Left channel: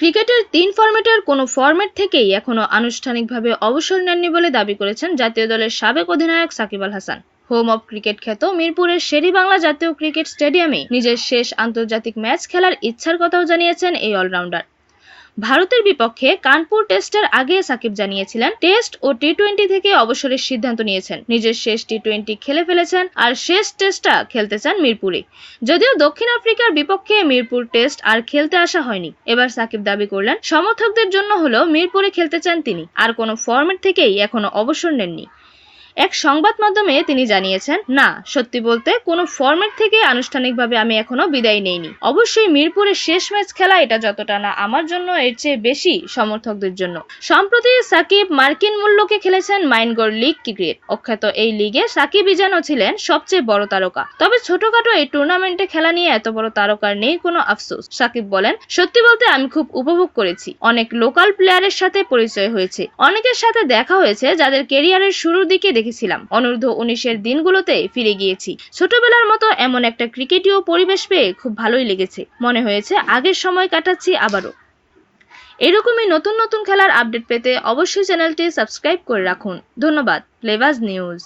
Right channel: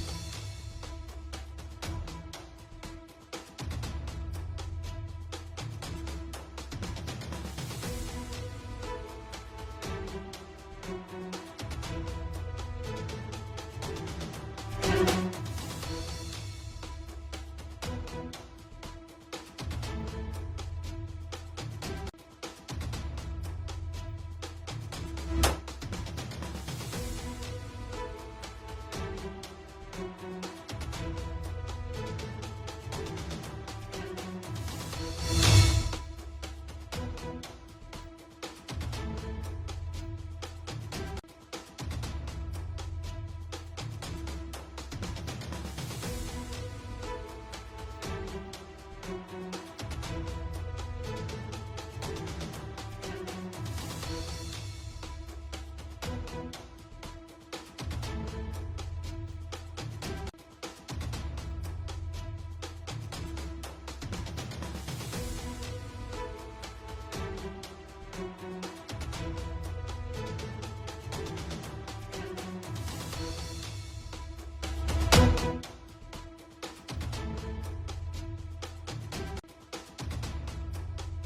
ক্রিকেটের ৩ ফরম্যাটের কোনো ফরম্যাট থেকেই এখনো আনুষ্ঠানিকভাবে অবসর নেননি বলে দাবি করেছেন জাতীয় দলের সাবেক অধিনায়ক Shakib Al Hasan. Home of cricket খ্যাত মিরপুরের শেরেবাংলা জাতীয় ক্রিকেট স্টেডিয়ামে নিজের শেষ আন্তর্জাতিক ম্যাচ খেলার ইচ্ছার কথাও জানিয়েছেন এই অলরাউন্ডার। ভারতের বিপক্ষে কানপুর টেস্টের আগে সাকিব জানিয়েছিলেন টেস্ট ও টি-20 থেকে অবসরের সিদ্ধান্ত নিয়েছেন। নিজের শেষ টি-20 খেলে ফেলেছেন আর শেষ টেস্টটা খেলতে চান মিরপুরে। যদিও দক্ষিণ আফ্রিকার বিপক্ষে মিরপুর টেস্ট আর খেলতে আসা হয়নি। এবার সাকিব দাবি করলেন সমর্থকদের জন্য হলেও মিরপুরে খেলতে চান তিনি, আর কোনো ফরম্যাট থেকেই এখনো অবসর নেননি। এক সংবাদ মাধ্যমে তিনি জানিয়েছেন, না, সত্যি বলতে কোনো ফরম্যাট থেকে আনুষ্ঠানিকভাবে আমি এখনো বিদায় নেইনি। অবশ্যই মিরপুরের শেষ ম্যাচ খেলা এটা যতটা না আমার জন্য, এর চেয়ে বেশি সমর্থকদের জন্য। সম্প্রতি সাকিব মার্কিন মূল্যকে খেলেছেন মাইনগড় লিগ ক্রিকেট। অখ্যাত এই লিগে সাকিবই যেন ছিলেন সবচেয়ে বড় তারকা। তবে ছোটখাটো এই টুর্নামেন্টে খেলা নিয়ে এত বড় তারকার নেই কোনো আফসোস। সাকিব বলেন, সত্যি বলতে আমি খুব উপভোগ করেছি। অনেক লোকাল প্লেয়ারের সাথে পরিচয় হয়েছে, অনেকের সাথে দেখা হয়েছে যাদের ক্যারিয়ারের শুরুর দিকে দেখেছিলাম। অনূর্ধ্ব-19 দিনগুলোতে ফিরে গিয়েছি। ছোটবেলার মতো এমন একটা ক্রিকেটীয় পরিবেশ পেয়ে খুব ভালোই লেগেছে। মনে হয়েছে আগের সময় কাটাচ্ছি আবারও। এরকমই নতুন নতুন খেলার আপডেট পেতে অবশ্যই চ্যানেলটি সাবস্ক্রাইব করে রাখুন। ধন্যবাদ। প্লেবাজ নিউজ।